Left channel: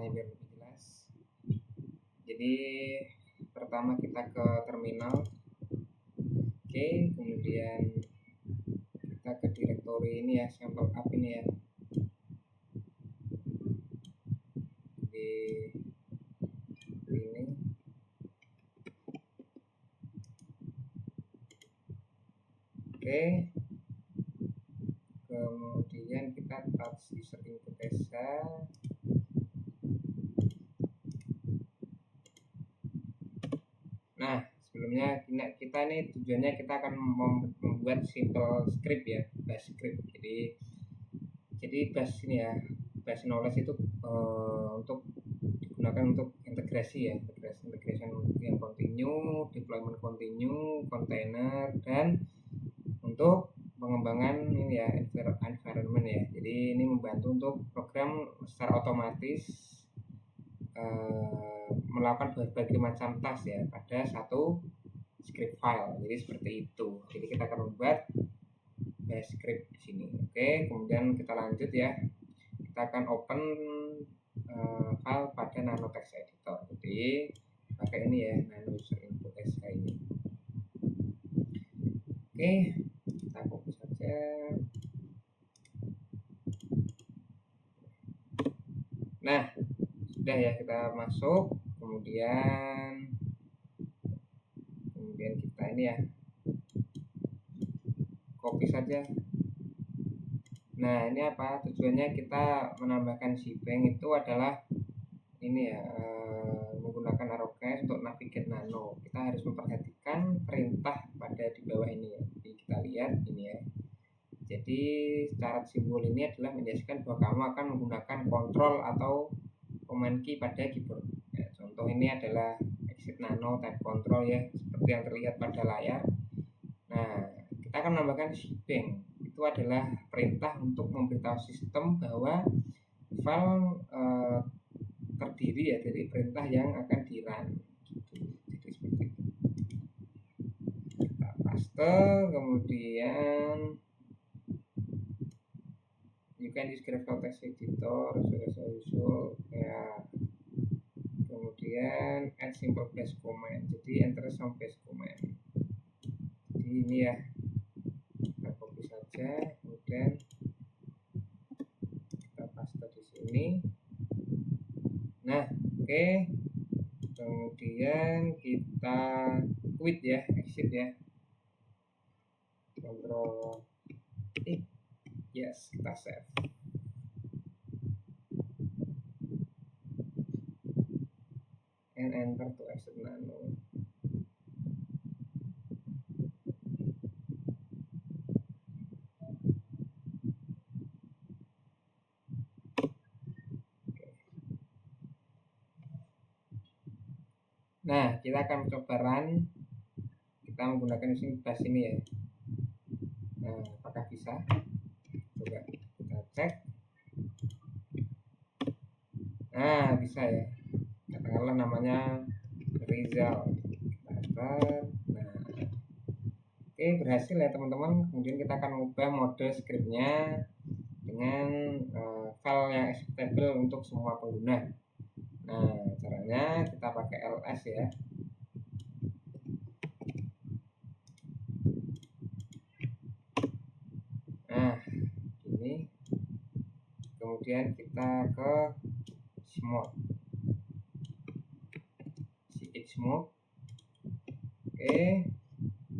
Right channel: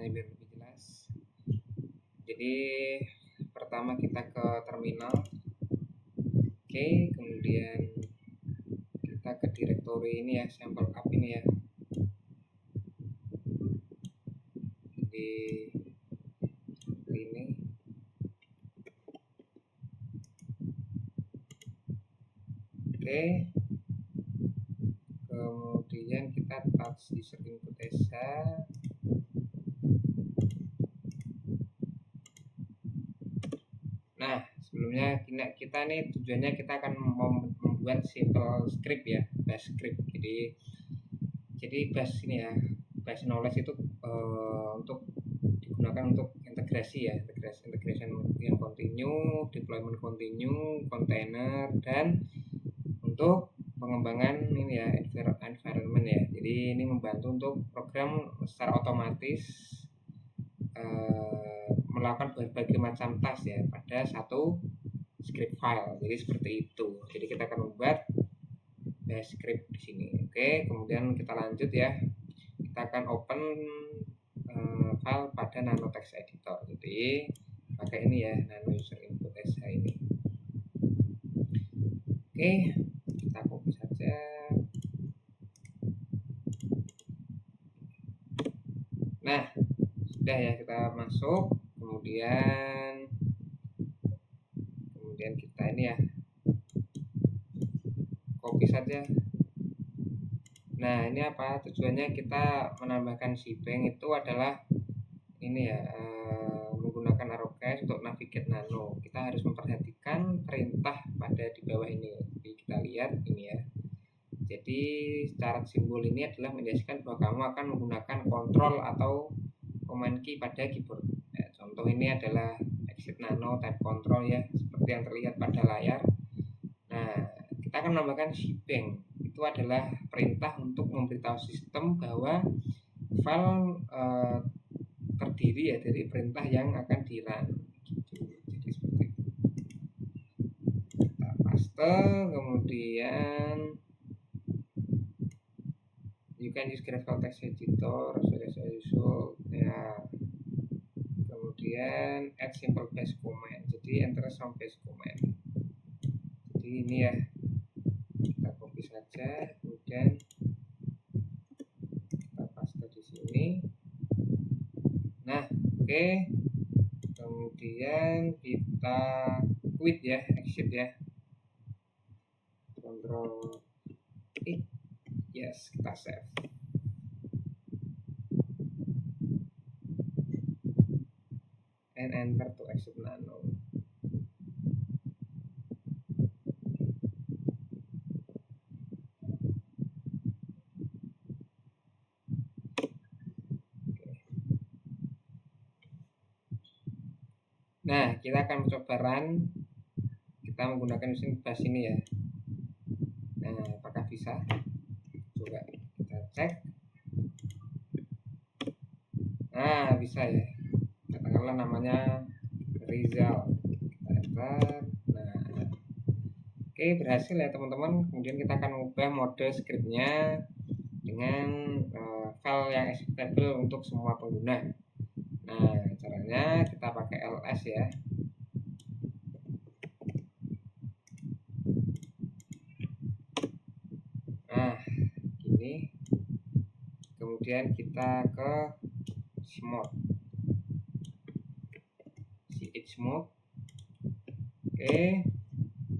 caranya biar lebih jelas. Jadi pertama kita ke terminal. Oke, kemudian kita ke direktori ini ya, sampel app ini ya. Jadi ini. Oke. Kemudian kita touch user input SH. Nah, sebelumnya kita nih tujuannya kita akan membuat simple script ya, bash script. Jadi bash ini ya, bash knowledge itu untuk digunakan untuk integrasi ya, integration yang continue, deployment continue, container, dan untuk pengembangan ini ya, environment ya. Jadi ini membantu untuk program secara otomatis melakukan berbagai macam task ya pada satu script file. Jadi seperti itu. Jadi kita akan membuat bash script di sini. Oke, kemudian kita lanjut ya. Kita akan open file pada nano text editor. Jadi pakai ini ya, nano user input SH ini. Oke, kita copy saja. Nah, sudah ya, kita masuk. Kemudian kita ini ya, copy saja. Nah, ini apa tujuannya? Kita menambahkan shebang itu adalah ini ya, menggunakan arrowcase untuk navigate nano. Kita harus memperhatikan perintah pada di bawah ini ya. Jadi kita lihat ini ya. Jadi syarat simbol ini adalah menjelaskan bahwa kamu akan menggunakan kontrol atau command key pada keyboard. Nah, contoh ini adalah exit nano type control ya, seperti yang terlihat pada layar. Nah, kita akan menambahkan shebang. Itu adalah perintah untuk memberitahu sistem bahwa file terdiri ya dari perintah yang akan di-run gitu. Jadi seperti itu. Kita paste, kemudian you can use graphical text editor as usual ya. Kemudian add simple bash command. Jadi enter some bash command. Jadi ini ya, kita copy saja, kemudian kita paste di sini. Nah, oke. Kemudian kita quit ya, exit ya. Control yes, kita save. And enter to exit nano. Nah, kita akan mencoba run. Kita menggunakan mesin bash ini ya. Nah, apakah bisa? Coba kita cek. Nah, bisa ya. Katakanlah namanya Rizal. Kita enter. Nah, oke, berhasil ya teman-teman. Kemudian kita akan mengubah mode scriptnya dengan file yang executable untuk semua pengguna. Nah, caranya kita pakai ls ya. Nah, gini. Kemudian kita ke chmod. Chmod. Oke.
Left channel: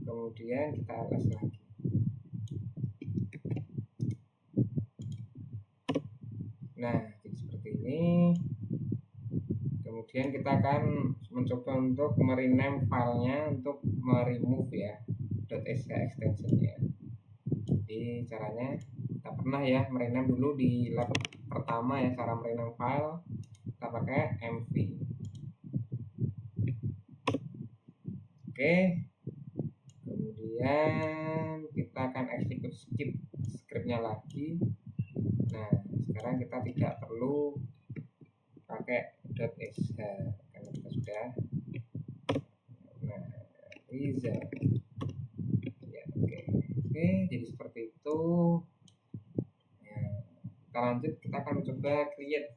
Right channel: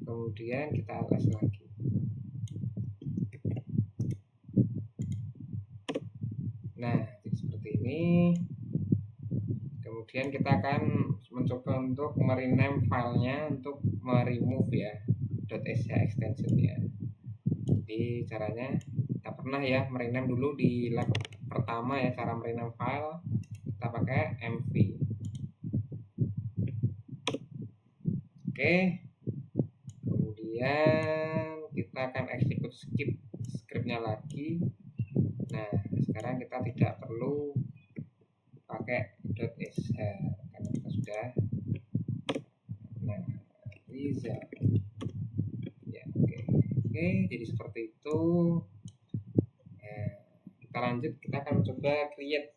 Kemudian kita ls lagi. Nah, jadi seperti ini. Kemudian kita akan mencoba untuk merename filenya untuk meremove ya .sh extensionnya. Jadi caranya kita pernah ya merename dulu di lab pertama ya, cara merename file kita pakai mv. Oke, kemudian kita akan execute scriptnya lagi. Nah, sekarang kita tidak perlu pakai .sh karena kita sudah. Nah, result ya, oke, jadi seperti itu. Nah, kita lanjut, kita akan mencoba create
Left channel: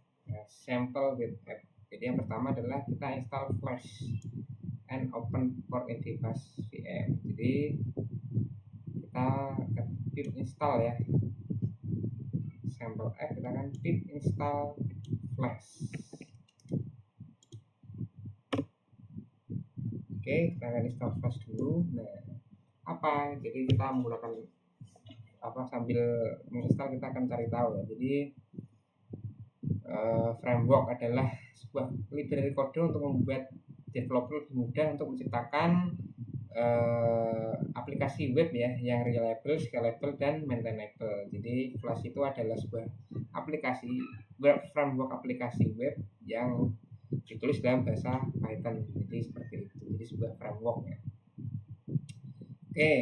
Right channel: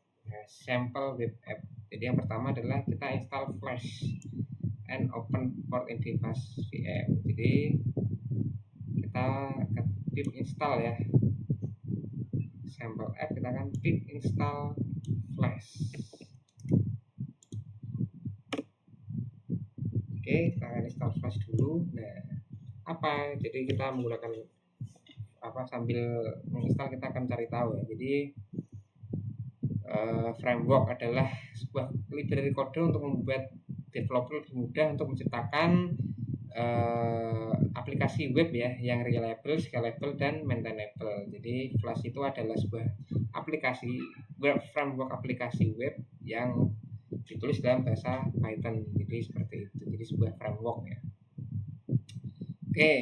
sampel web app. Jadi yang pertama adalah kita install Flash and open port in device VM. Jadi kita pip install ya sampel app, kita akan pip install Flash. Oke, kita akan install Flash dulu. Nah, apa? Jadi kita menggunakan sambil menginstal kita akan cari tahu ya. Jadi framework adalah sebuah library kode untuk membuat developer lebih mudah untuk menciptakan aplikasi web ya yang reliable, scalable, dan maintainable. Jadi Flash itu adalah sebuah aplikasi web, framework aplikasi web yang ditulis dalam bahasa Python. Jadi seperti itu. Jadi sebuah framework ya. Oke,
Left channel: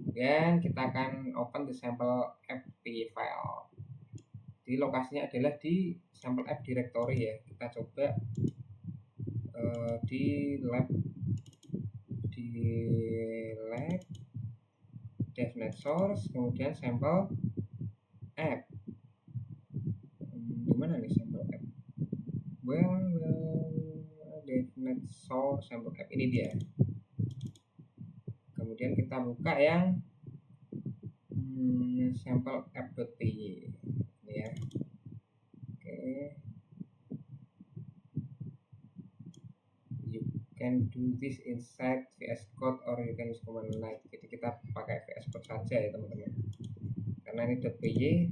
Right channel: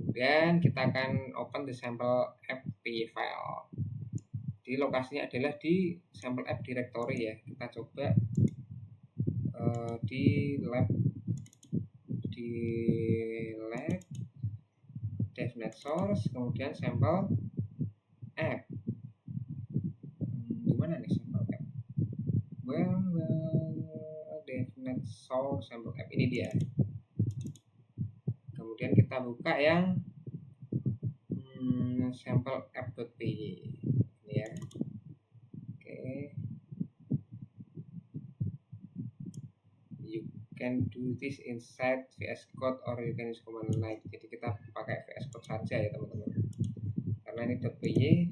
kemudian kita akan open the sample app file. Di lokasinya adalah di sampel app directory ya. Kita coba di lab devnet source, kemudian sampel app. Di mana nih sampel app? Well, devnet source sampel app, ini dia. Kemudian kita buka yang sampel app.py ini ya. Oke. You can do this inside VS Code or you can use command line. Jadi kita pakai VS Code saja ya teman-teman. Karena ini .py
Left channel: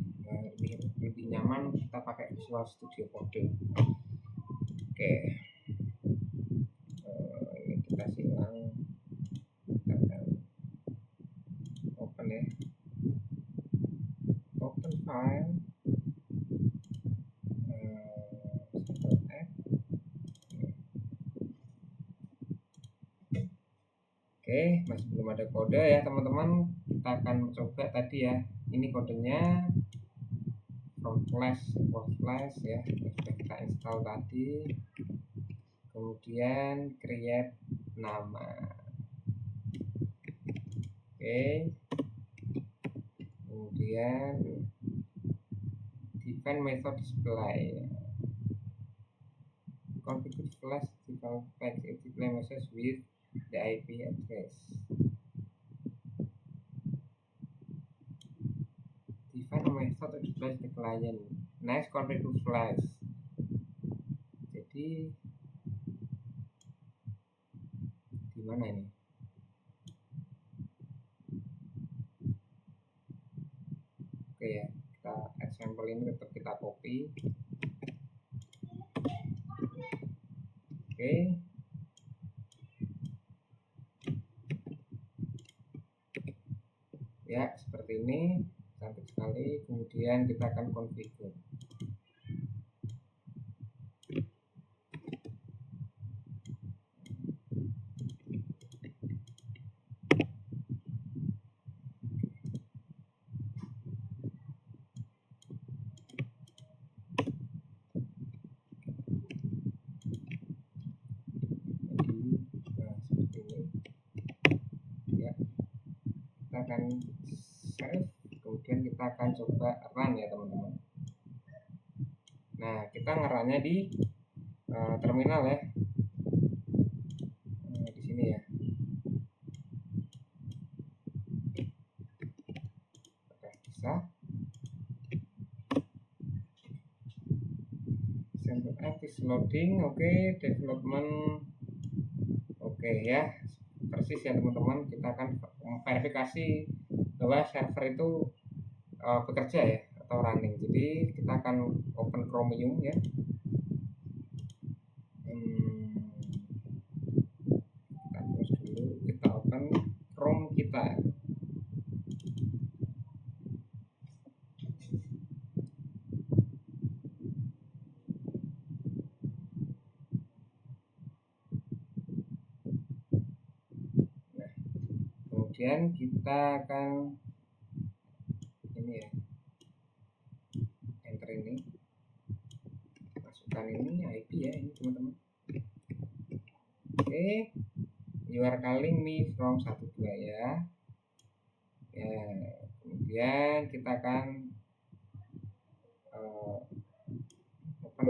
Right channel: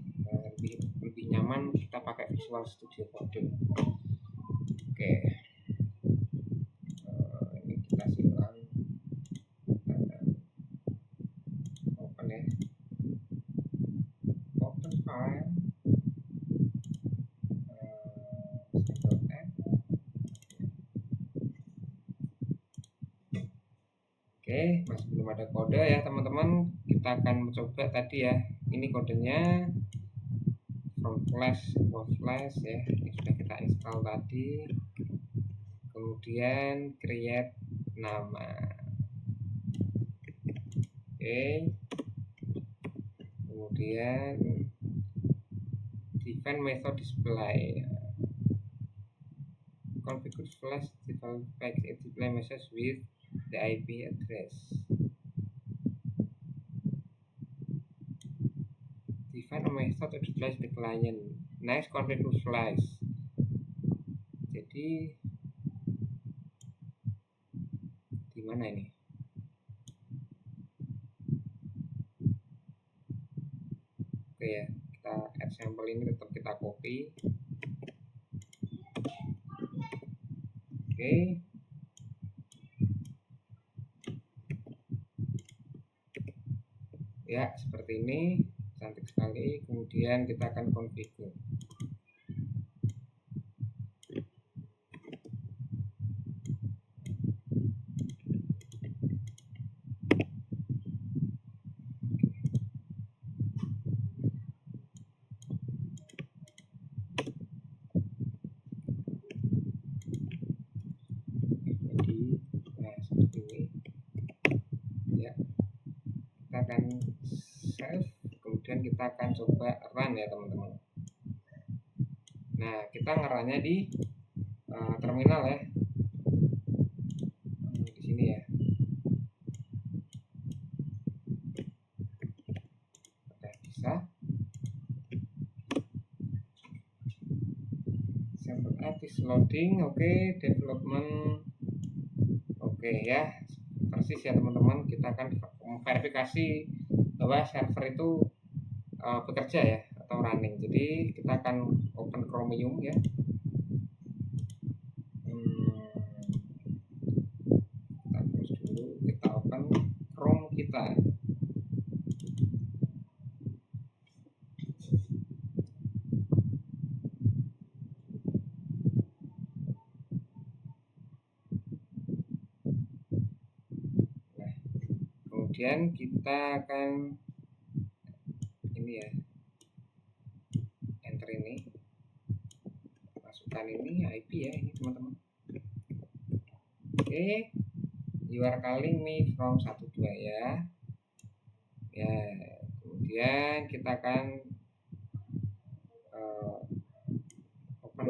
lebih nyaman kita pakai Visual Studio Code. Oke. Ini kita silang. Kita akan open ya. Open file. Sample app. Oke, masih belum ada kode ya teman-teman. Kita akan mencoba tadi ya. Ini kodenya from Flash ya. Ini sudah kita install tadi. Kemudian create nama. Oke. Kemudian define method display. Configure Flash default package display message with the IP address. Define a method to display the client. Next, configure Flash. Jadi di mana ini? Oke ya, kita add sampel ini tetap kita copy. Oke. Ya, seperti ini, cantik sekali. Kemudian kita akan configure. Nah, seperti ini. Ya. Kita akan save, kemudian kita akan coba run ya teman-teman. Nah, kita ngerunnya di terminal ya, di sini ya. Oke, bisa. Sample app is loading. Oke, development. Oke ya, persis ya teman-teman. Kita akan verifikasi bahwa server itu bekerja ya atau running. Jadi kita akan open Chromium ya. Kita close dulu, kita open Chrome kita. Nah, kemudian kita akan ini ya, enter ini, masukkan ini IP ya ini teman-teman. Oke, you are calling me from 12 ya. Ya, kemudian kita akan open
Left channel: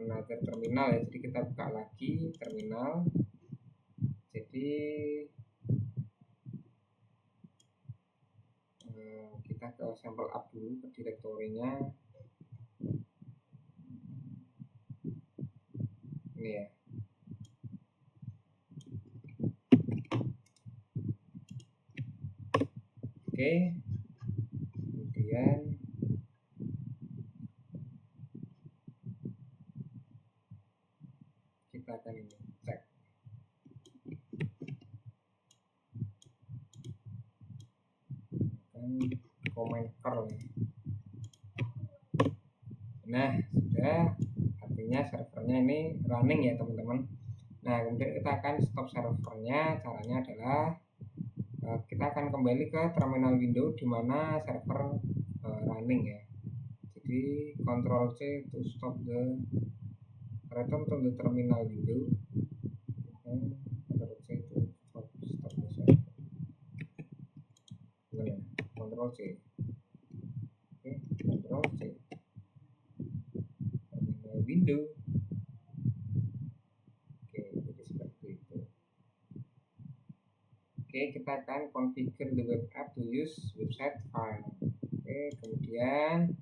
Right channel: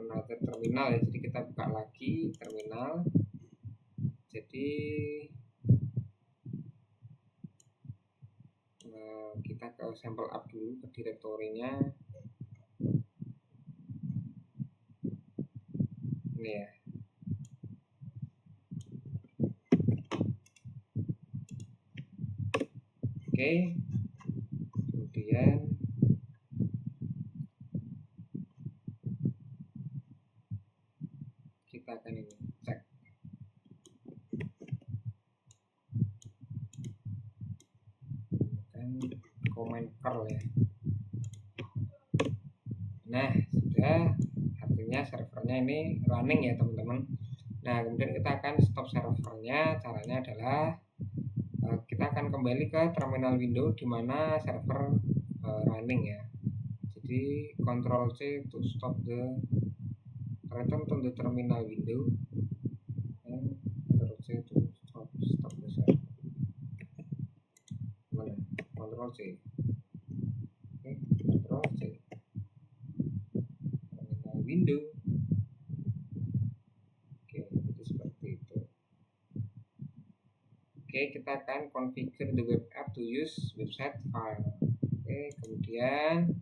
another terminal ya. Jadi kita buka lagi terminal. Jadi kita ke sampel app dulu, ke direktorinya ini ya. Oke, kemudian kita akan ini cek. Kan comment curl ya. Nah, sudah, artinya servernya ini running ya teman-teman. Nah, kemudian kita akan stop servernya. Caranya adalah kita akan kembali ke terminal window di mana server running ya. Jadi Ctrl C to stop the return to the terminal window, and Ctrl C to stop the server. Gimana? Ctrl C. Oke, Ctrl C. Terminal window. Oke, jadi seperti itu. Oke, kita akan configure the web app to use website file. Oke, kemudian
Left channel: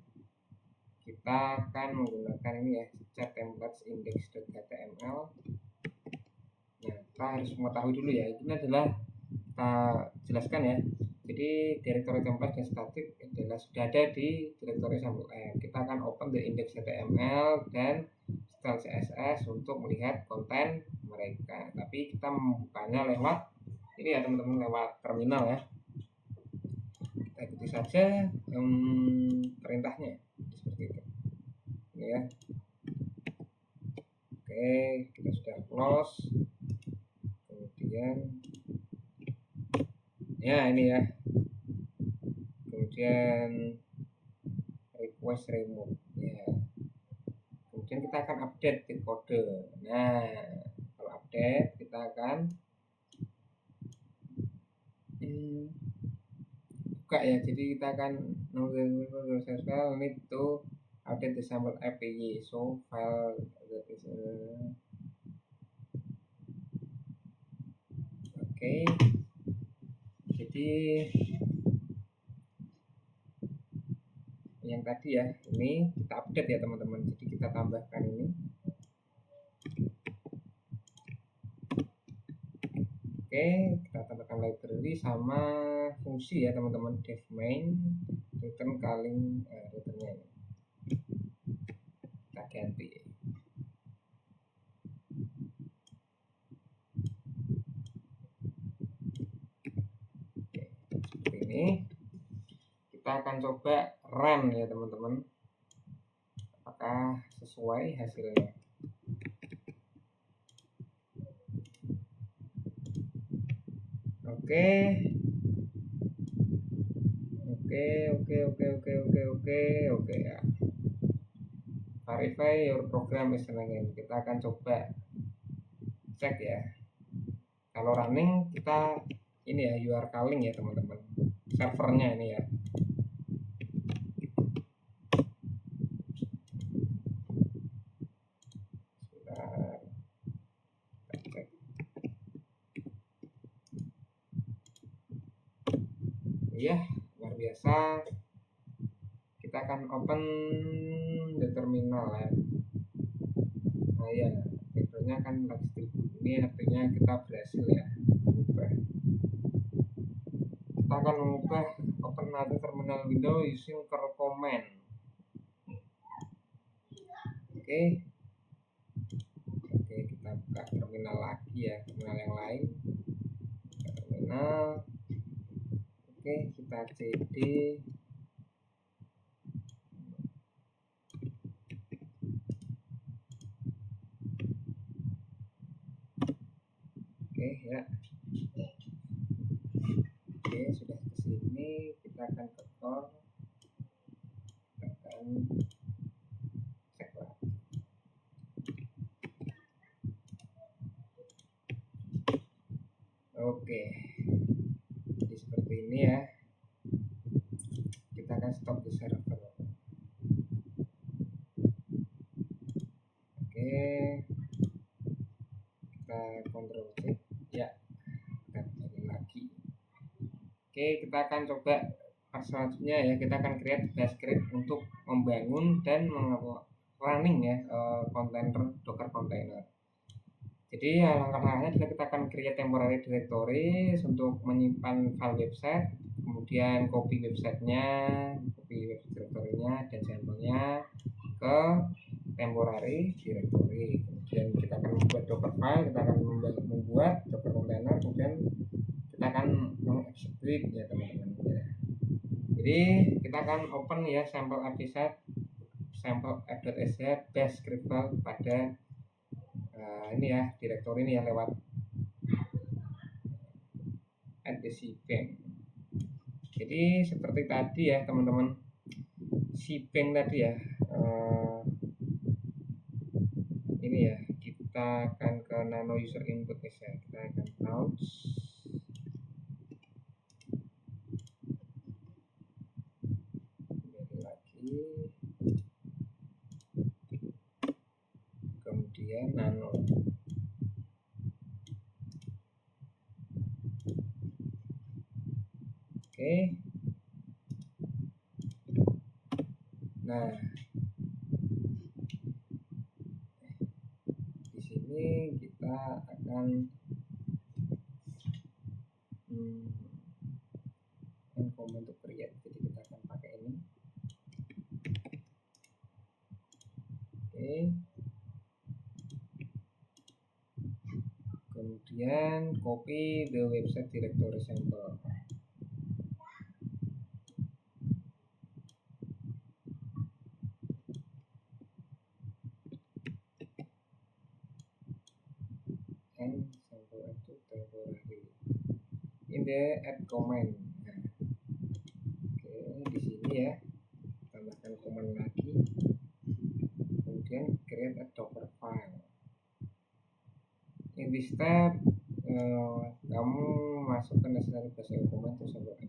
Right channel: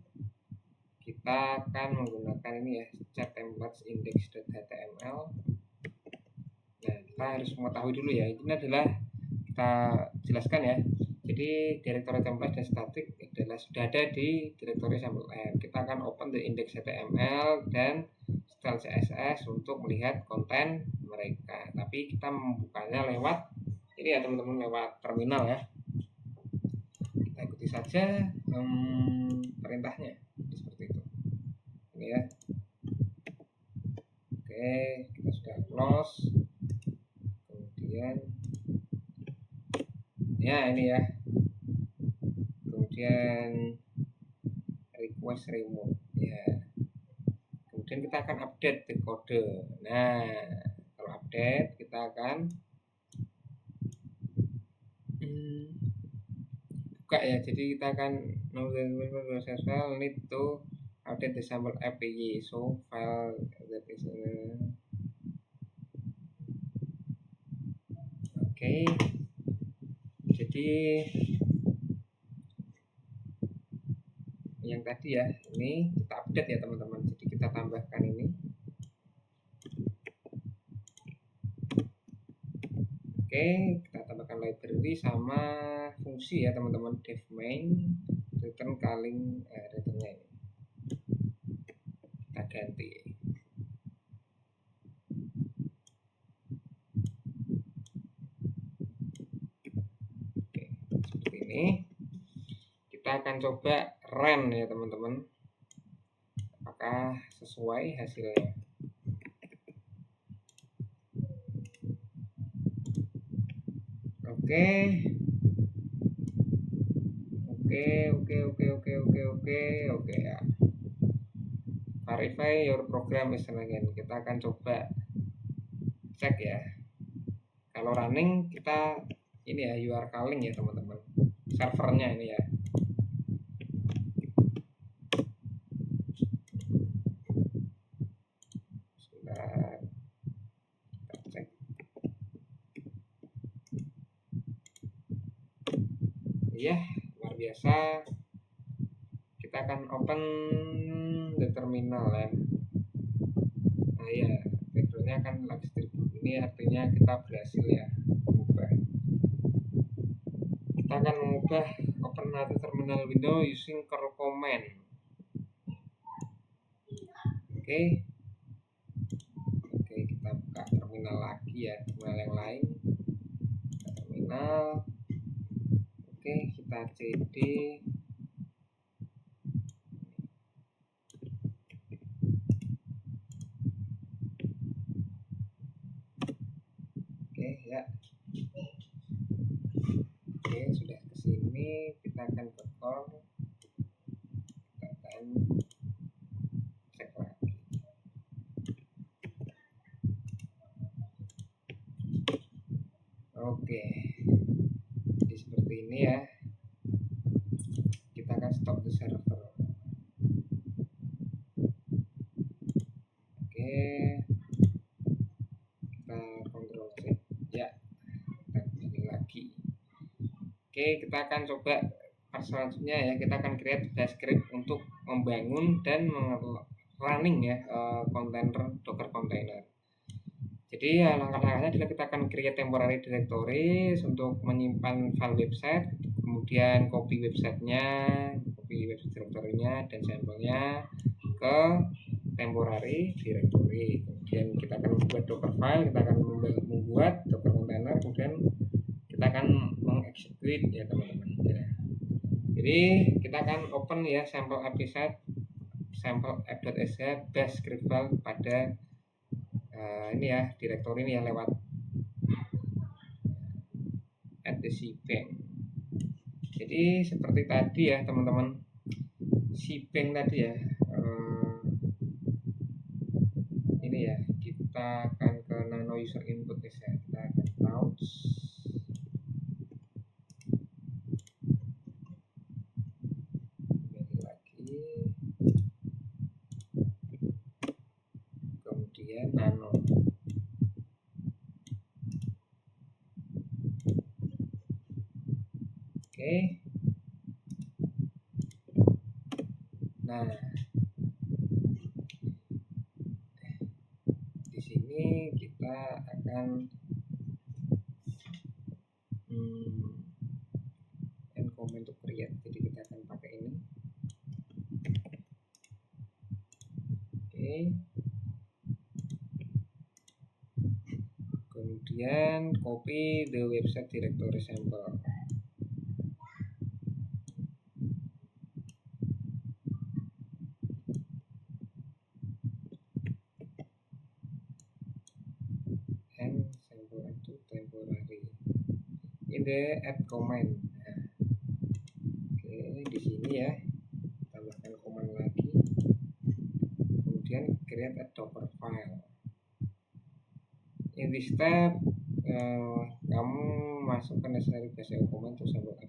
kita akan menggunakan ini ya, chat templates index.html. Nah, kita harus mengetahui dulu ya, ini adalah kita jelaskan ya. Jadi directory template dan static adalah sudah ada di directory sampel app. Kita akan open the index.html dan style CSS untuk melihat konten mereka. Tapi kita membukanya lewat ini ya teman-teman, lewat terminal ya. Kita ikuti saja perintahnya seperti itu. Ini ya. Oke, kita sudah close. Kemudian ya ini ya. Kemudian request remove ya. Kemudian kita akan update the kode. Nah, kalau update kita akan buka ya. Jadi kita akan process file need to update the sample API. So file that is oke. Jadi yang tadi ya, ini kita update ya teman-teman. Jadi kita tambahkan ini. Oke, kita tambahkan library sama fungsi ya teman-teman, def main return calling returnnya ini kita ganti. Oke, seperti ini. Kita akan coba run ya teman-teman, apakah sesuai hasilnya. Oke ya. Verify your program is running. Kita akan coba cek ya. Kalau running kita ini ya, you are calling ya teman-teman, servernya ini ya. Sebentar, kita cek. Iya, luar biasa. Kita akan open the terminal ya. Nah ya, backgroundnya kan lux tribute. Ini artinya kita berhasil ya mengubah. Kita akan mengubah open another terminal window using curl command. Oke, kita buka terminal lagi ya, terminal yang lain. Buka terminal. Oke, kita cd. Oke ya. Oke, sudah ke sini, kita akan ke core. Kita akan cek lagi. Oke. Jadi seperti ini ya. Kita akan stop the server. Oke, Oke, kita kontrol C ya, kita kembali lagi. Oke, kita akan coba part selanjutnya ya, kita akan create bash script untuk membangun dan running ya kontainer Docker container. Jadi ya langkah-langkahnya adalah kita akan create temporary directory untuk menyimpan file website, kemudian copy websitenya, copy website directory-nya dan sampelnya ke temporary directory. Kemudian kita akan membuat docker file, kita akan membuat docker container, kemudian kita akan mengexecute ya teman-teman ya. Jadi kita akan open ya sampel episode sampel app.sh bash script file pada ini ya direktori ini ya lewat add the cbank. Jadi seperti tadi ya teman-teman, cbank tadi ya ini ya, kita akan ke nano user input ya, kita akan launch kembali lagi, kemudian nano. Oke, nah di sini kita akan comment to create, jadi kita akan pakai ini. Oke, kemudian copy the website directory sample. And sample into temporary in the add command. Nah, oke, di sini ya tambahkan command lagi, kemudian create a docker file. In this step kamu masukkan necessary basic command to sample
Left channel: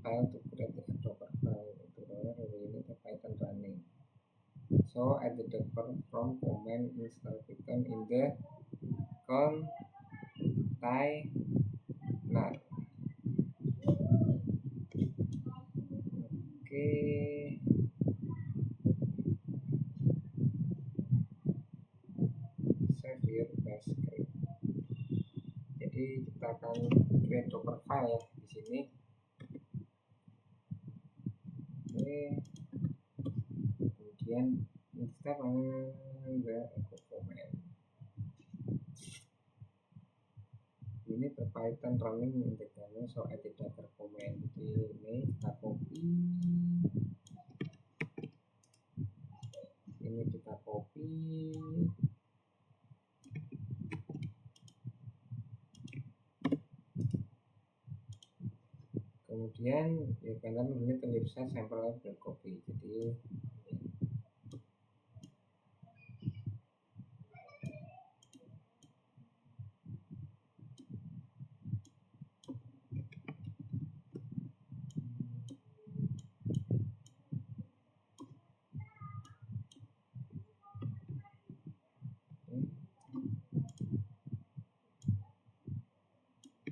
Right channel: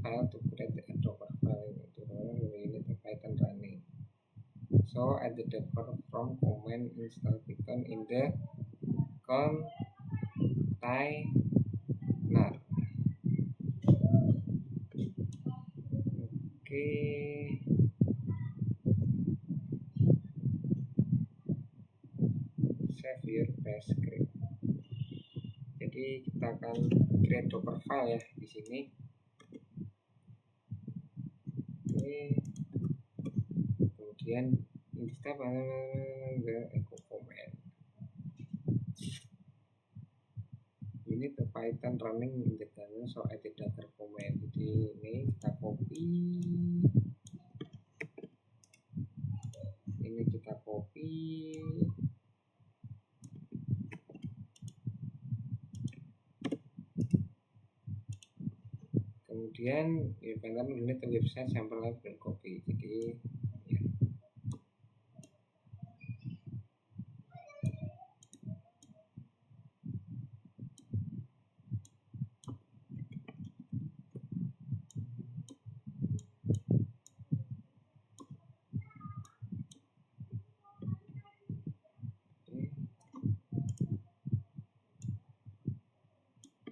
file to create a docker file. Ini Python running. So add the docker from command install Python in the container. Oke, save your bash script. Jadi kita akan create docker file ya di sini. Oke, kemudian in this step the echo command. Ini the Python running in the kernel, so add the docker command. Jadi ini kita copy, ini kita copy, kemudian ya Python unit website sample label copy. Jadi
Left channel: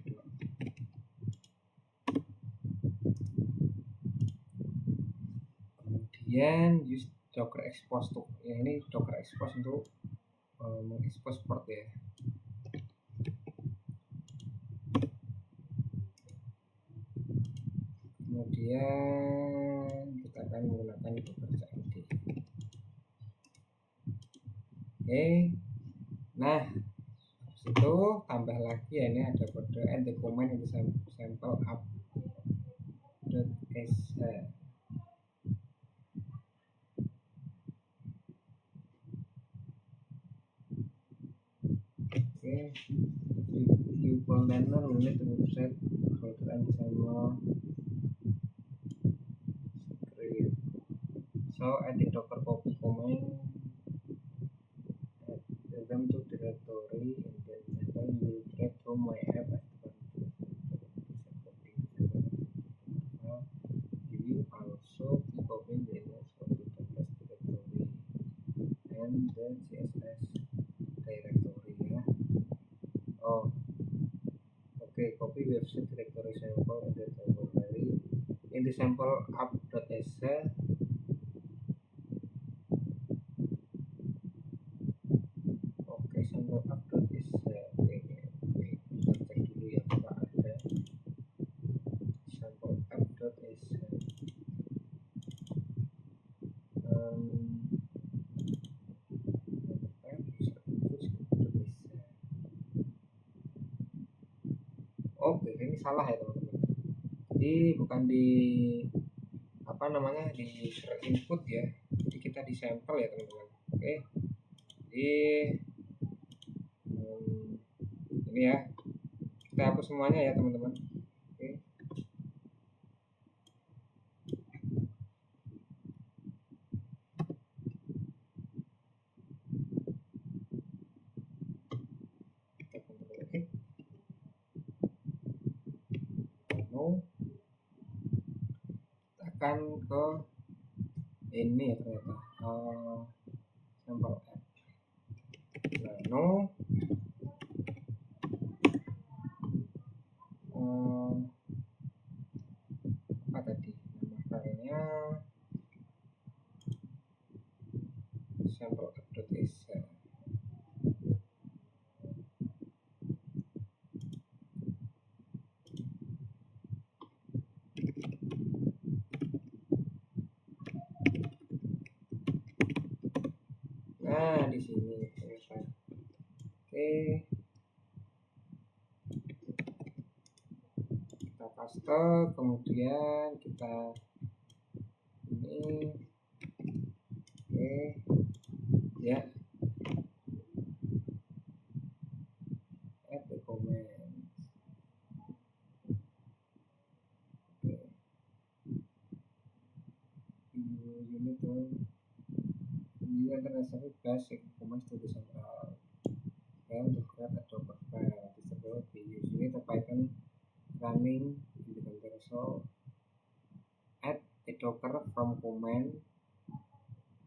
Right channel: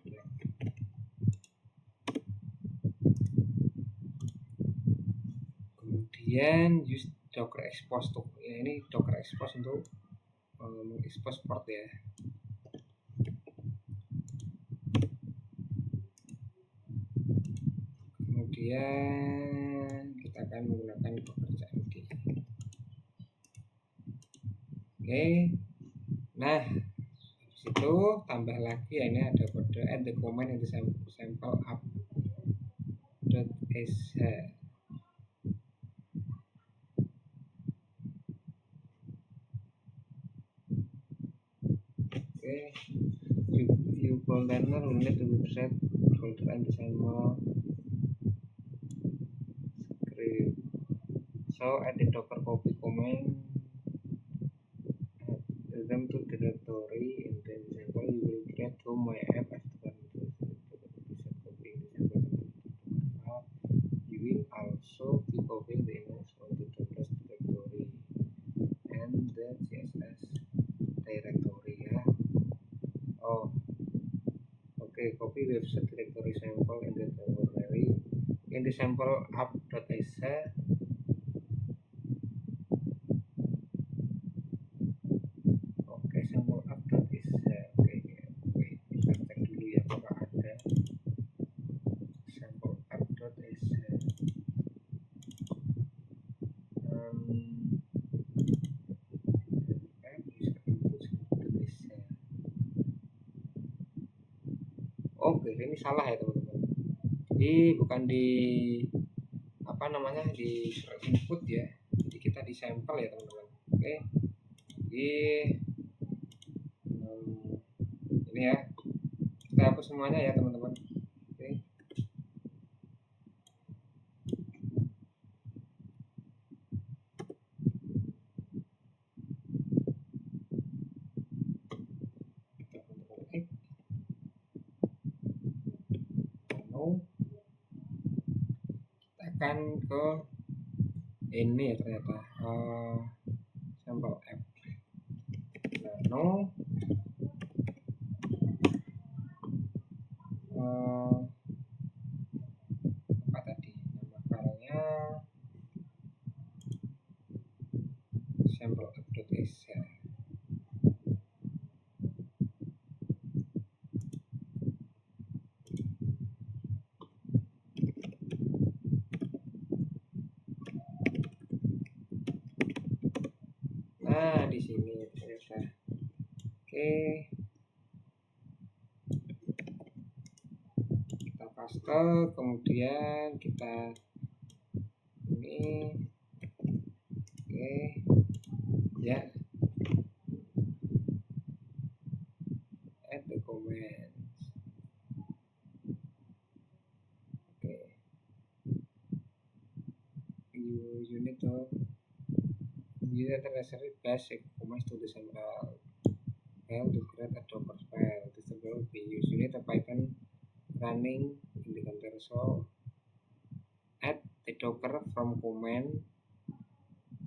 ya. Kemudian use docker expose tuh ya, ini docker expose untuk mengekspos port ya. Kemudian kita akan menggunakan docker cmd. Oke, nah itu tambah lagi ya, ini ada kode add the command in the sample app.sh. Oke, view container will need the website folder and the sample script. So add the docker copy command, add them to directory in the sample. You will create from my app as the you will also be copying the image from the docker directory and the CSS directory ya. Copy website directory sample in the temporary in the sample app.exe. Sample app.exe. Kita cek dulu ya apakah ada sample app.exe. Ini salah ya teman-teman. Jadi bukan di di input ya. Jadi kita di sampel ya teman-teman. Jadi ini ya. Kita hapus semuanya ya teman-teman. Kita akan ke ini ya ternyata sampel app nano apa tadi nama filenya sampel app.exe. Nah, di sini ternyata. Kita paste, kemudian kita ini ya, add the comments. You need to necessary basic comments to the central file to create a Docker file. This will be used. You need a Python running in the container, so add the Docker from command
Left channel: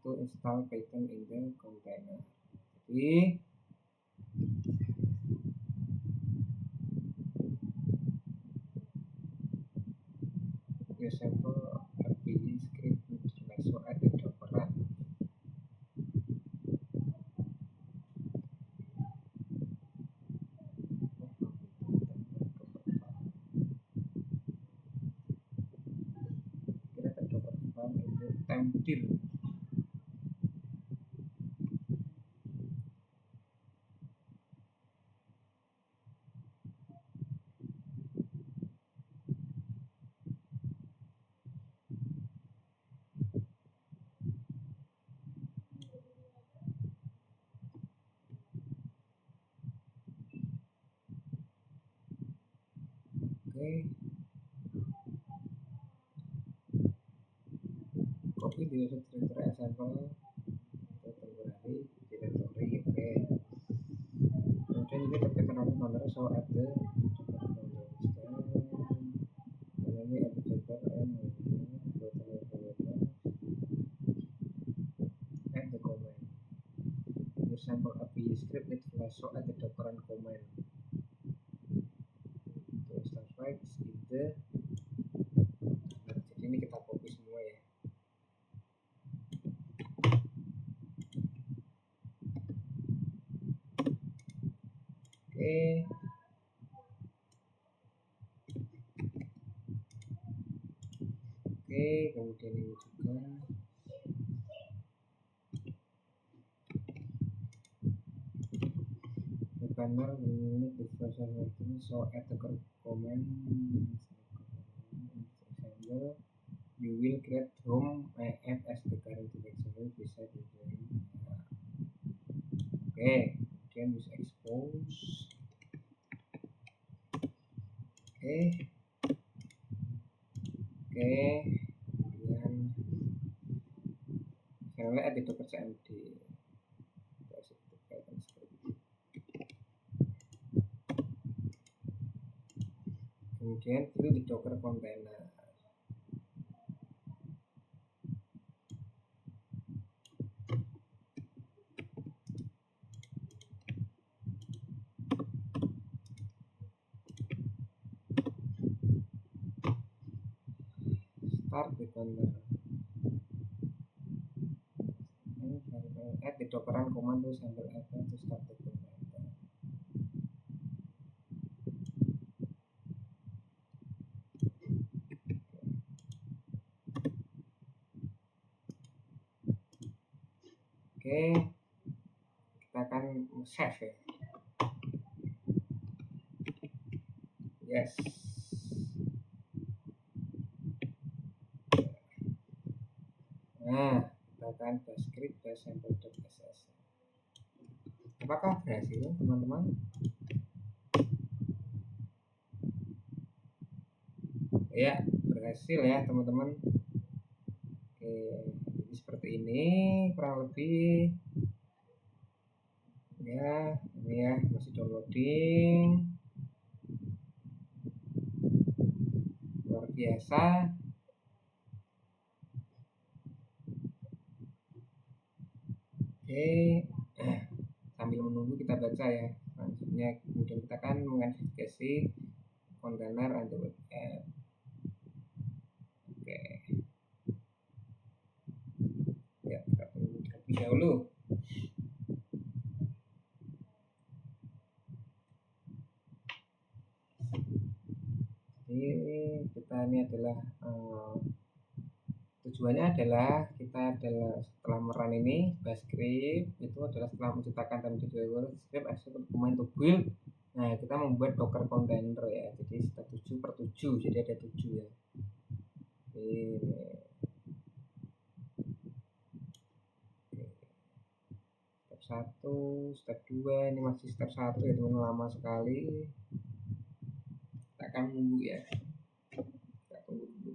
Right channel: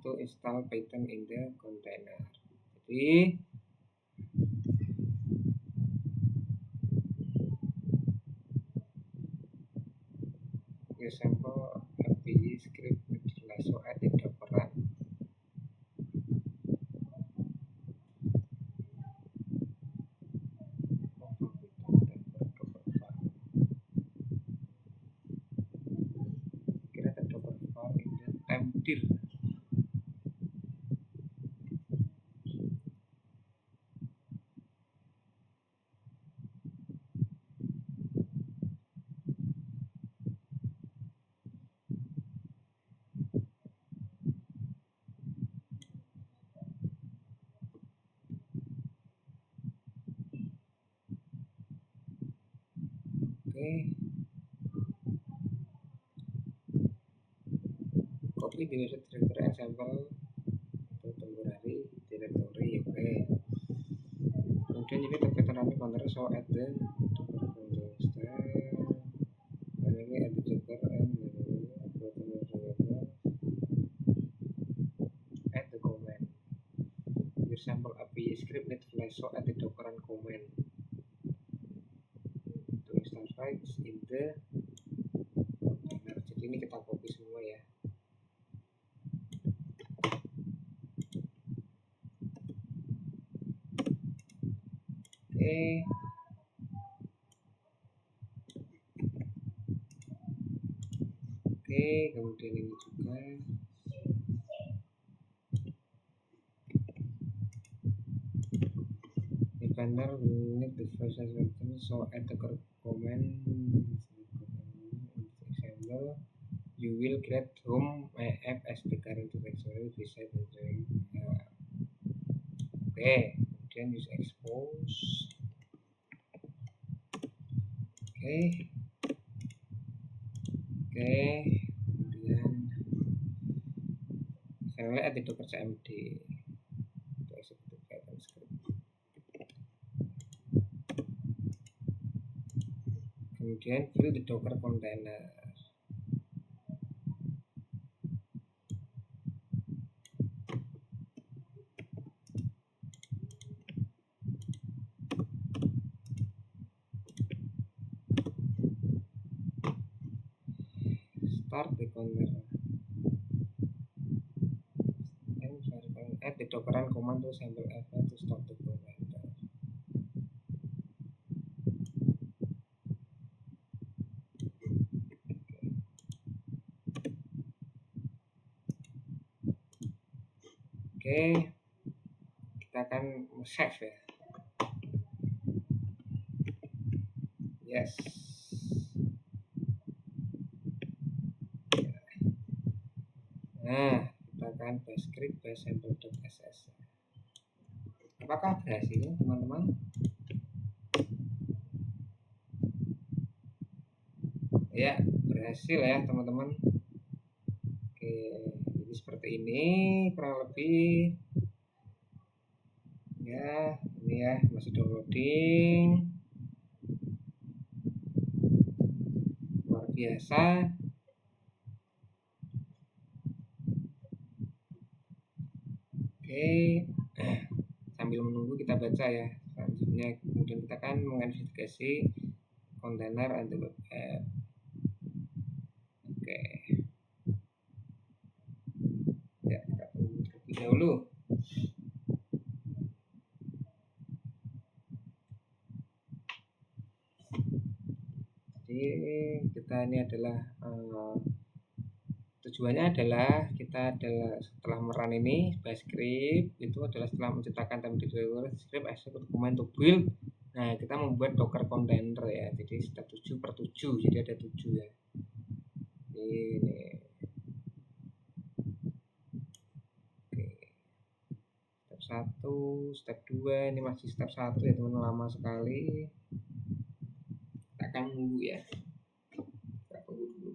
to install Python in the container. Jadi sample API script so add the Docker run. Create a Docker file in the temdir. Copy di website directory example atau temporary directory. Kemudian ini Python running container, so add the Docker container. Finally add the Docker and add the command. Your sample API script need flash, so add the Docker and command to install files in the container. Jadi ini kita copy semua ya. Kemudian ini juga the banner need the first version, so add the command example. You will create home app as the current directory beside the kemudian use expose. Kemudian saya lihat di Docker cmd untuk execute Python script. Kemudian fill the Docker container. start the container and add the docker run command to sample event to start the container. Oke, kita akan save ya. Yes. Nah, kita akan bash script bash sample.ss. Apakah berhasil, teman-teman? Ya, berhasil ya, teman-teman. Oke, jadi seperti ini kurang lebih. Ya, ini ya, masih downloading. Luar biasa. Oke, sambil menunggu kita baca ya. Selanjutnya kemudian kita akan mengidentifikasi kontainer anti web app. Oke. Ya, kita tunggu terlebih dahulu. Jadi kita ini adalah tujuannya adalah kita adalah setelah merun ini bash script itu adalah setelah menciptakan template script execute command to build. Nah, kita membuat docker container ya. Jadi step 7/7, jadi ada 7 ya. Ini. Oke. Step 1, step 2, ini masih step 1 ya, teman-teman, lama sekali. Kita akan menunggu ya. Kita tunggu dulu.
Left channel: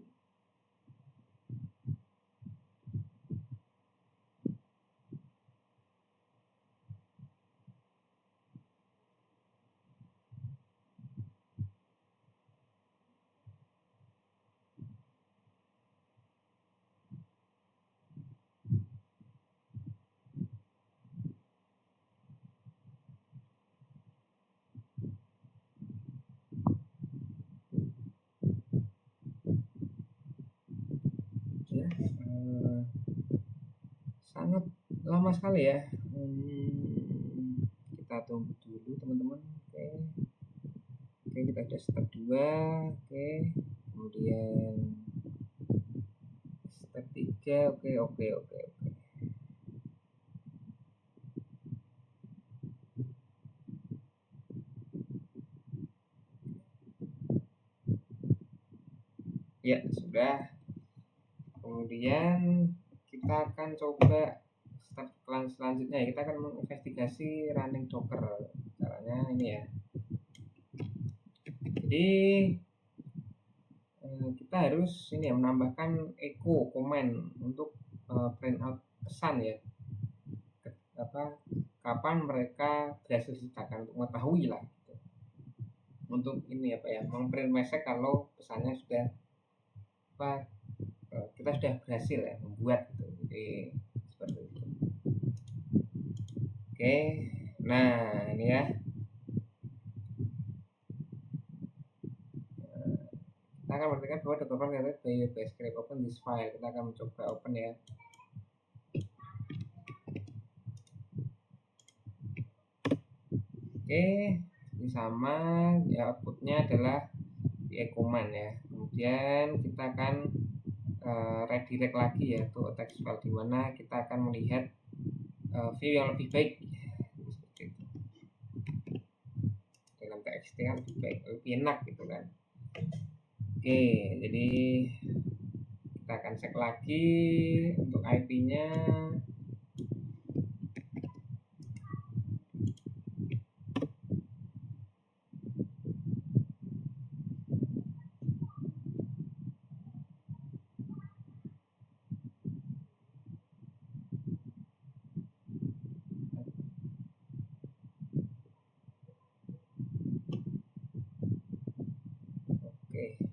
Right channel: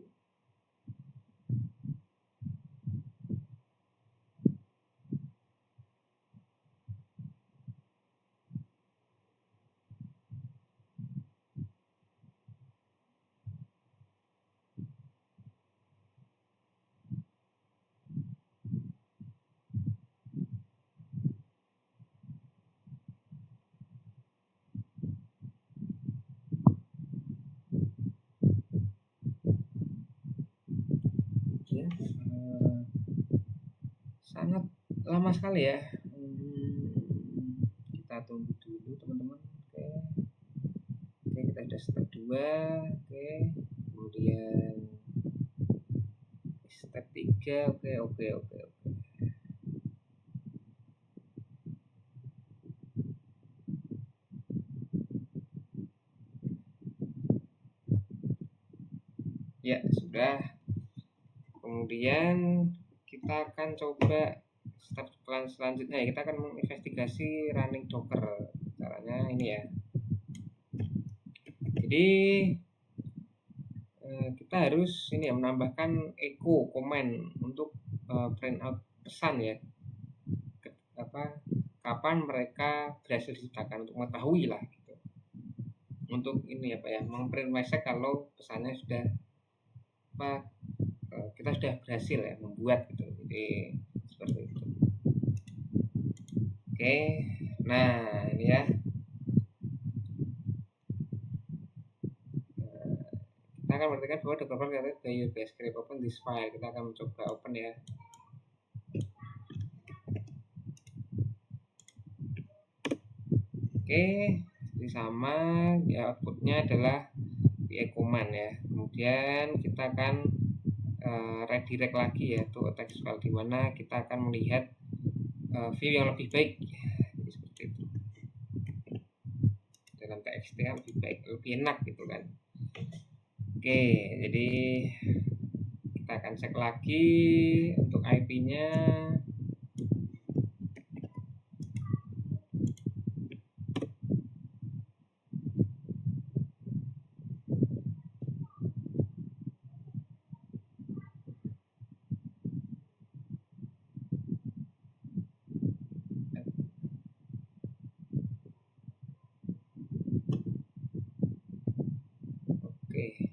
Ya, sangat lama sekali ya. Kita tunggu dulu, teman-teman. Oke, kita sudah step 2. Oke, kemudian step 3. Oke. Ya, sudah. Kemudian kita akan coba step selanjutnya ya, kita akan menginvestigasi running docker. Caranya ini ya. Jadi kita harus ini ya, menambahkan echo command untuk print out pesan ya. Kapan mereka berhasil diciptakan, untuk mengetahui lah gitu. Untuk ini apa ya, memprint message kalau pesannya sudah kita sudah berhasil ya membuat gitu. Jadi seperti itu. Oke, nah ini ya. Kita akan mengertikan bahwa docker file by your bash script, open this file. Kita akan mencoba open ya. Oke, jadi sama ya, outputnya adalah PI command ya. Kemudian kita akan redirect lagi yaitu text file, di mana kita akan melihat view yang lebih baik. Jadi seperti itu. Dalam TXT kan lebih baik, lebih enak gitu kan. Oke, jadi kita akan cek lagi untuk IP-nya. Oke.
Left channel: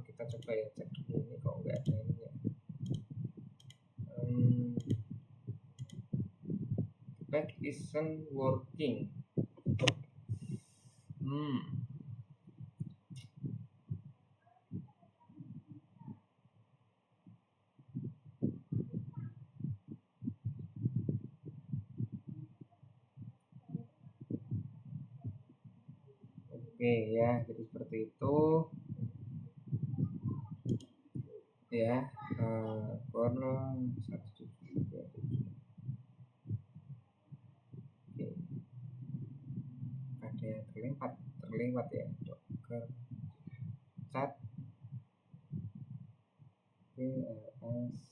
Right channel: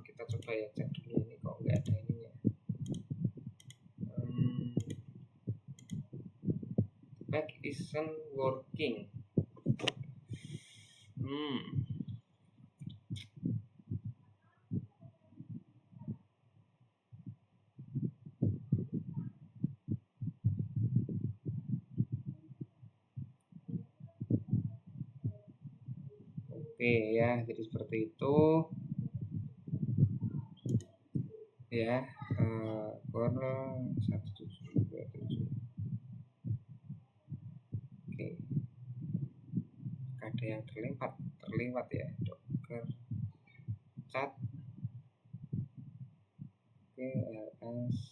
Kita coba ya, cek dulu ini kok nggak ada ininya. Back isn't working. Oke ya, jadi seperti itu ya. Corner 1727. Oke, ada yang terlewat ya, Docker cat. Oke, ls.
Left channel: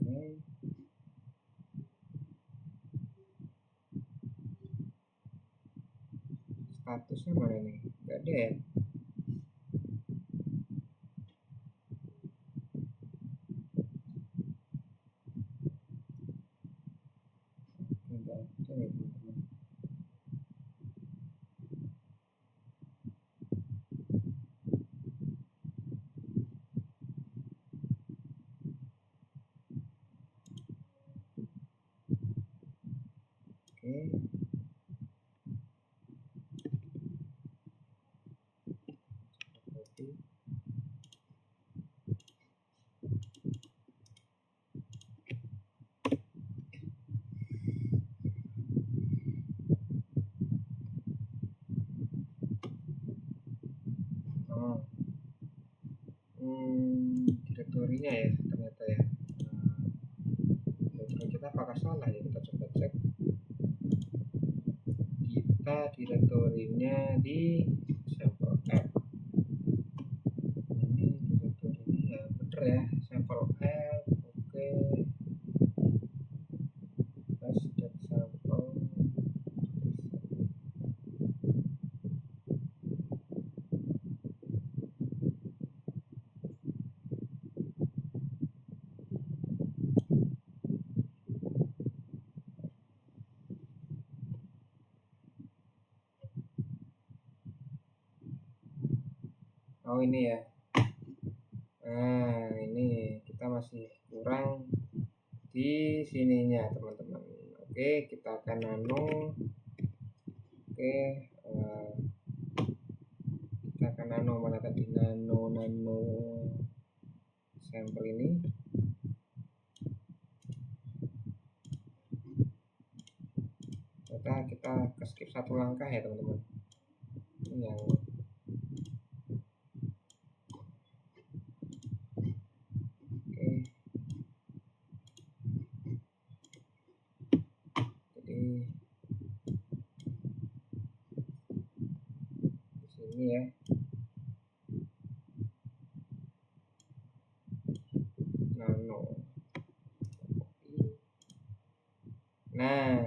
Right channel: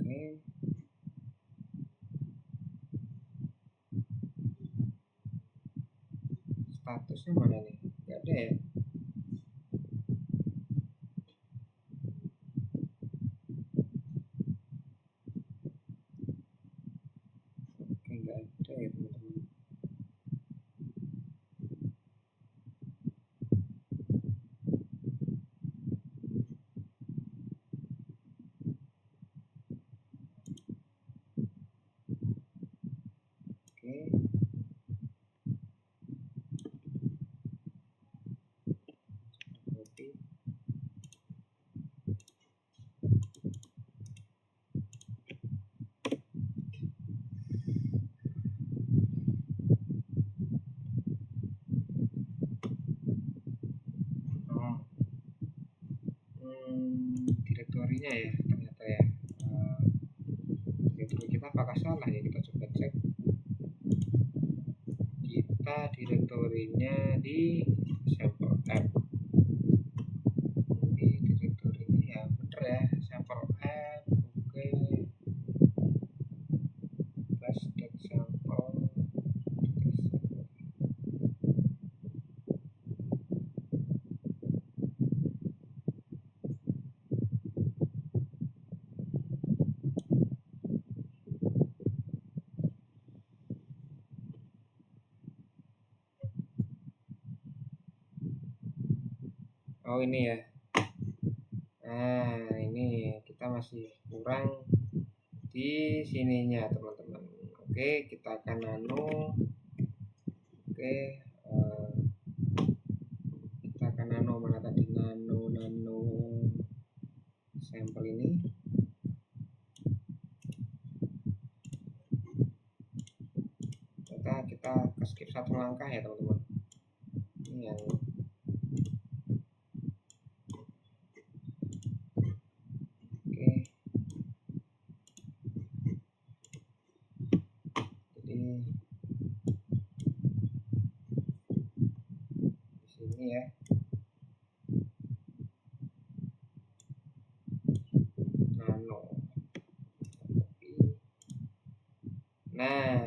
Oke, statusnya mana nih? Nggak ada ya. Oke, nggak ada ya teman-teman. Oke, copy. Oh, direktorinya ya ternyata ya. Direktori kita apakah salah ya, kita coba cek. Kita direktorinya di sampel app. Ini direktorinya ya bener ya, sampel app. Oke, class.sample. Oh ini ya. Nah ini kita masih kurang di sininya teman-teman. Oke, kita akan nano. Oke, kita akan nano mana tadi, nano sampel ini. Ternyata kita skip satu langkah ya teman-teman. Ini yang jadi di sini ya. Nano. Nah,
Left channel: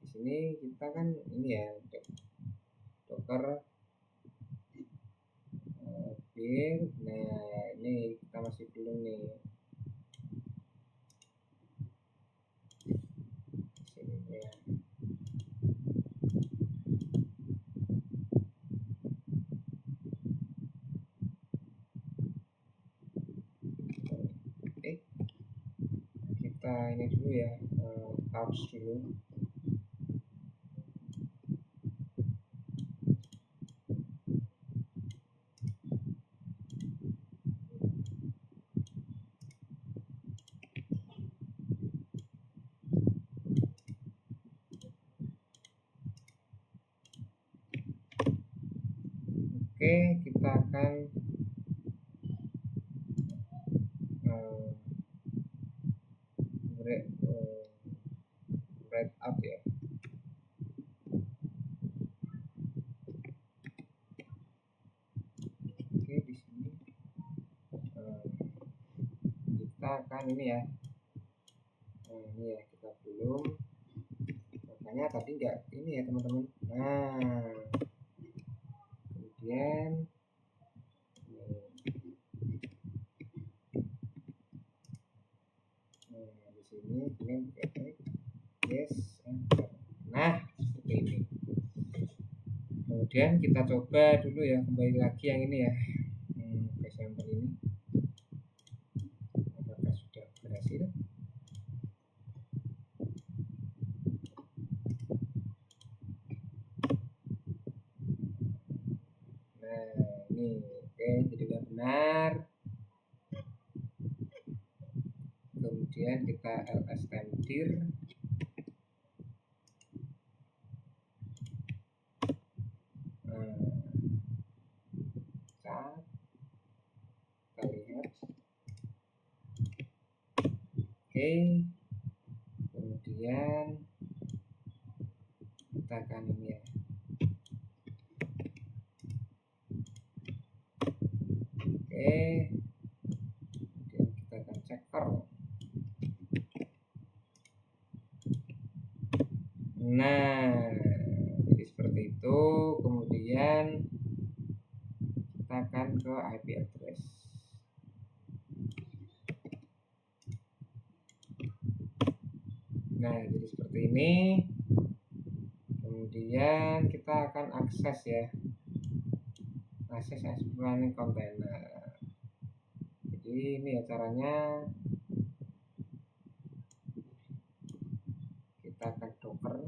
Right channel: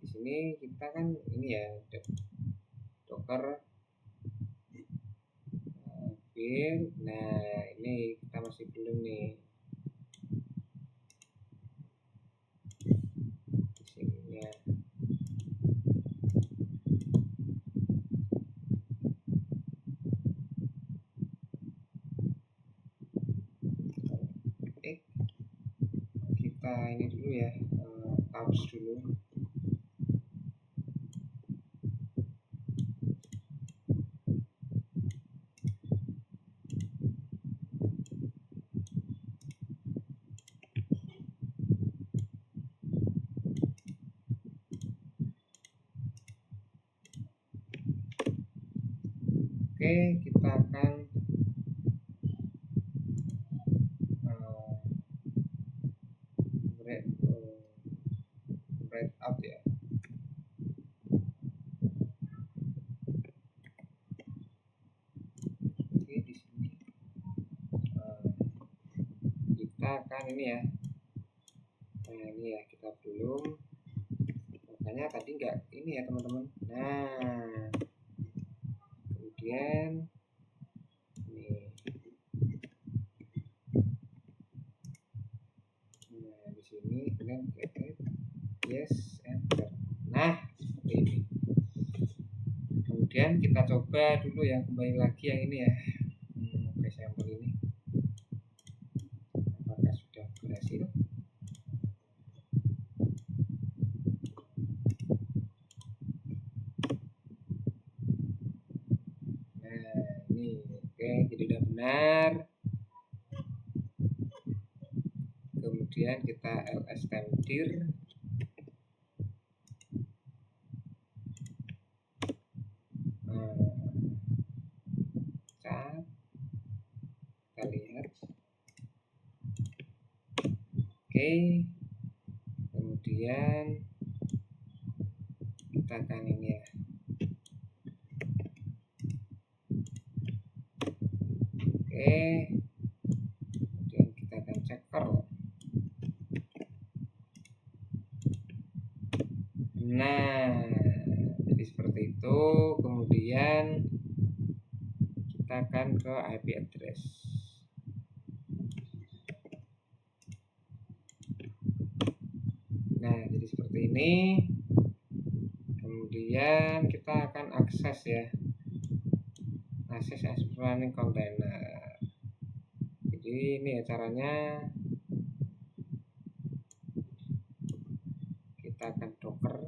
di sini kita kan ini ya, Docker build. Nah, ini kita masih belum nih. Di sini ya. Oke. Kita ini dulu ya, tabs dulu. Oke, kita akan break up ya. Oke, di sini kita akan ini ya. Nah, ini ya, kita belum. Makanya tadi enggak ini ya teman-teman. Nah, kemudian nih. Nah, di sini ini yes, enter. Nah, seperti ini. Kemudian kita coba dulu ya, kembali lagi yang ini ya, ke sampel ini. Apakah sudah berhasil? Nah, ini oke, jadi udah benar. Kemudian kita ls temdir. Kita lihat. Oke, kemudian kita akan ini ya. Oke, kemudian kita akan checker. Nah, jadi seperti itu. Kemudian kita akan ke IP address. Nah, jadi seperti ini. Kemudian kita akan akses ya, akses running container. Jadi ini ya caranya. Kita akan docker.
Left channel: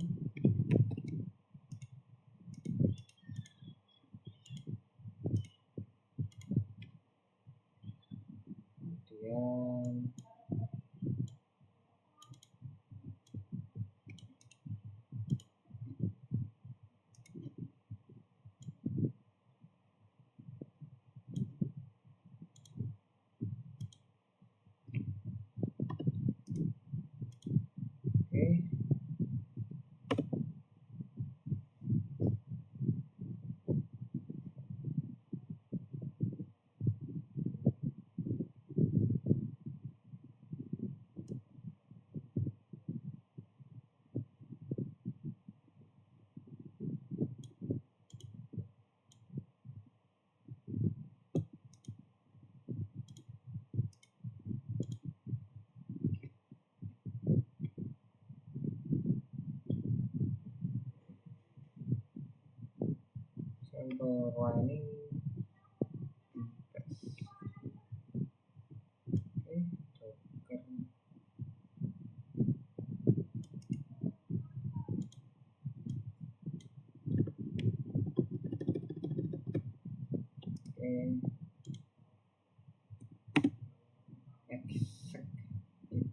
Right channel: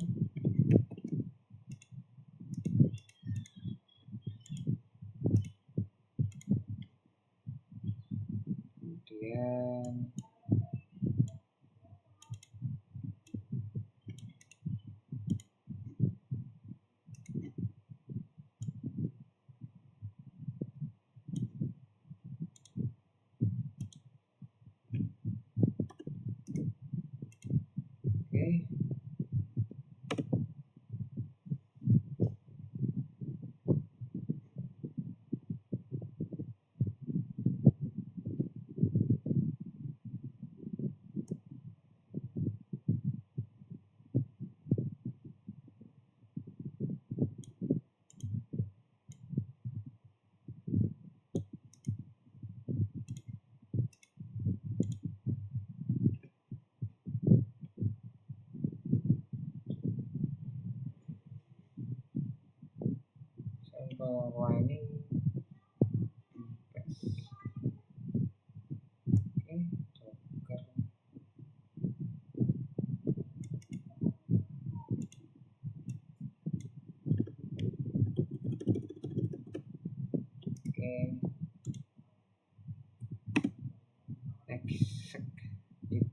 Kemudian oke. Sample running best. Oke, docker. Oke. Execute.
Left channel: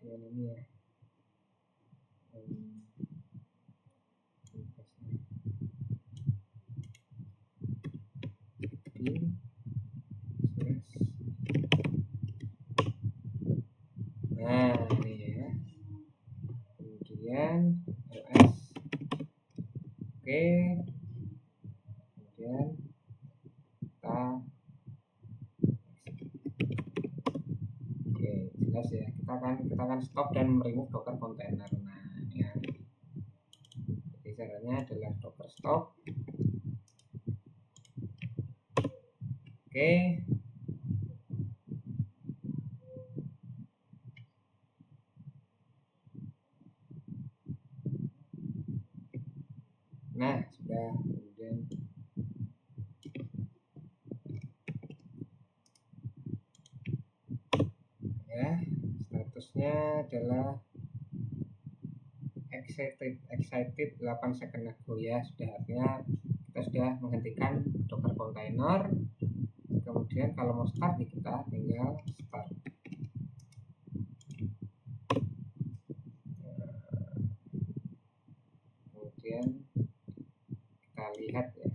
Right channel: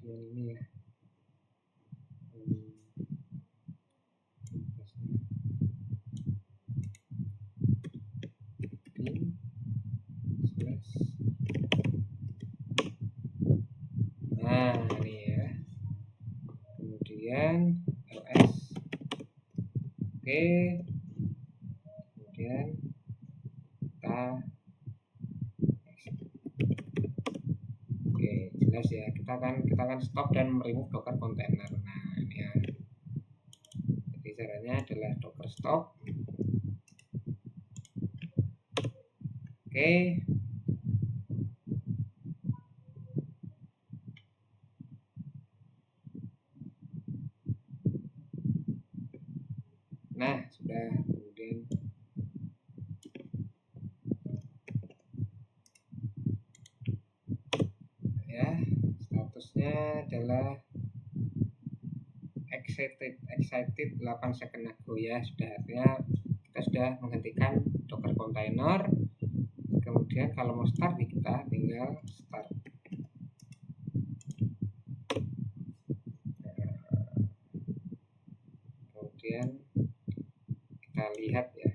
Kemudian ini ya. Bin slash. Nah, ini ya. Kemudian ls. Oke. Kemudian kita oke, jelas ya. Kita akan stop dan remove docker container. Nah, ini ya. Jadi caranya adalah docker stop. Oke. Nah, sudah. Kemudian ya, statusnya adalah excited 8 second ago ya. Sudah, artinya kita sudah menghentikan docker container. Kemudian kalau mau start kita tinggal start. Kemudian kita lihat ya.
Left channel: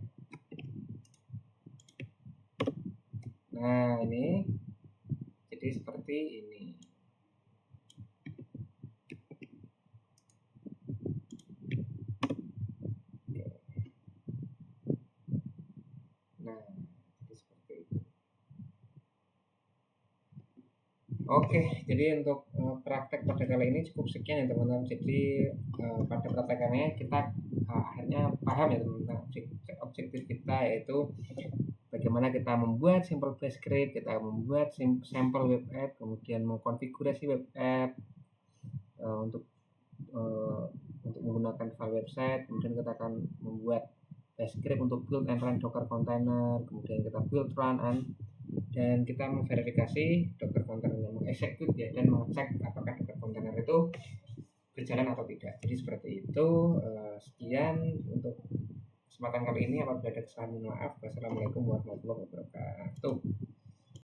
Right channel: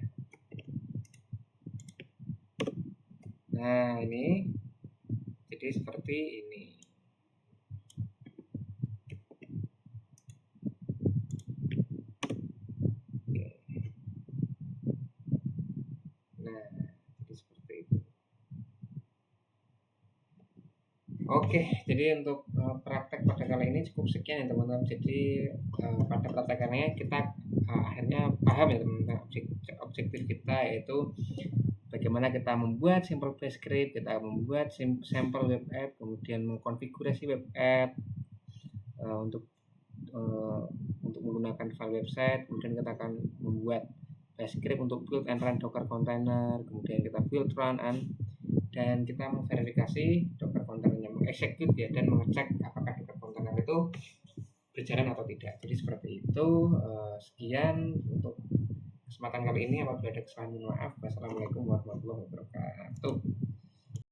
Nah, ini jadi seperti ini. Oke. Nah, jadi seperti itu. Oke, jadi untuk praktek pada kali ini cukup sekian ya teman-teman. Jadi pada praktekannya kita akhirnya paham ya teman-teman, objektif kita yaitu bagaimana kita membuat simple bash script, kita membuat sampel web app, kemudian mengkonfigurasi web app untuk menggunakan file website, kemudian kita akan membuat bash script untuk build and run docker container, kemudian kita build, run, dan kita memverifikasi docker containernya, mengexecute ya, dan mengecek apakah docker container itu berjalan atau tidak. Jadi seperti itu. Sekian untuk kesempatan kali ini. Apabila ada kesalahan, mohon maaf. Wassalamualaikum warahmatullahi wabarakatuh.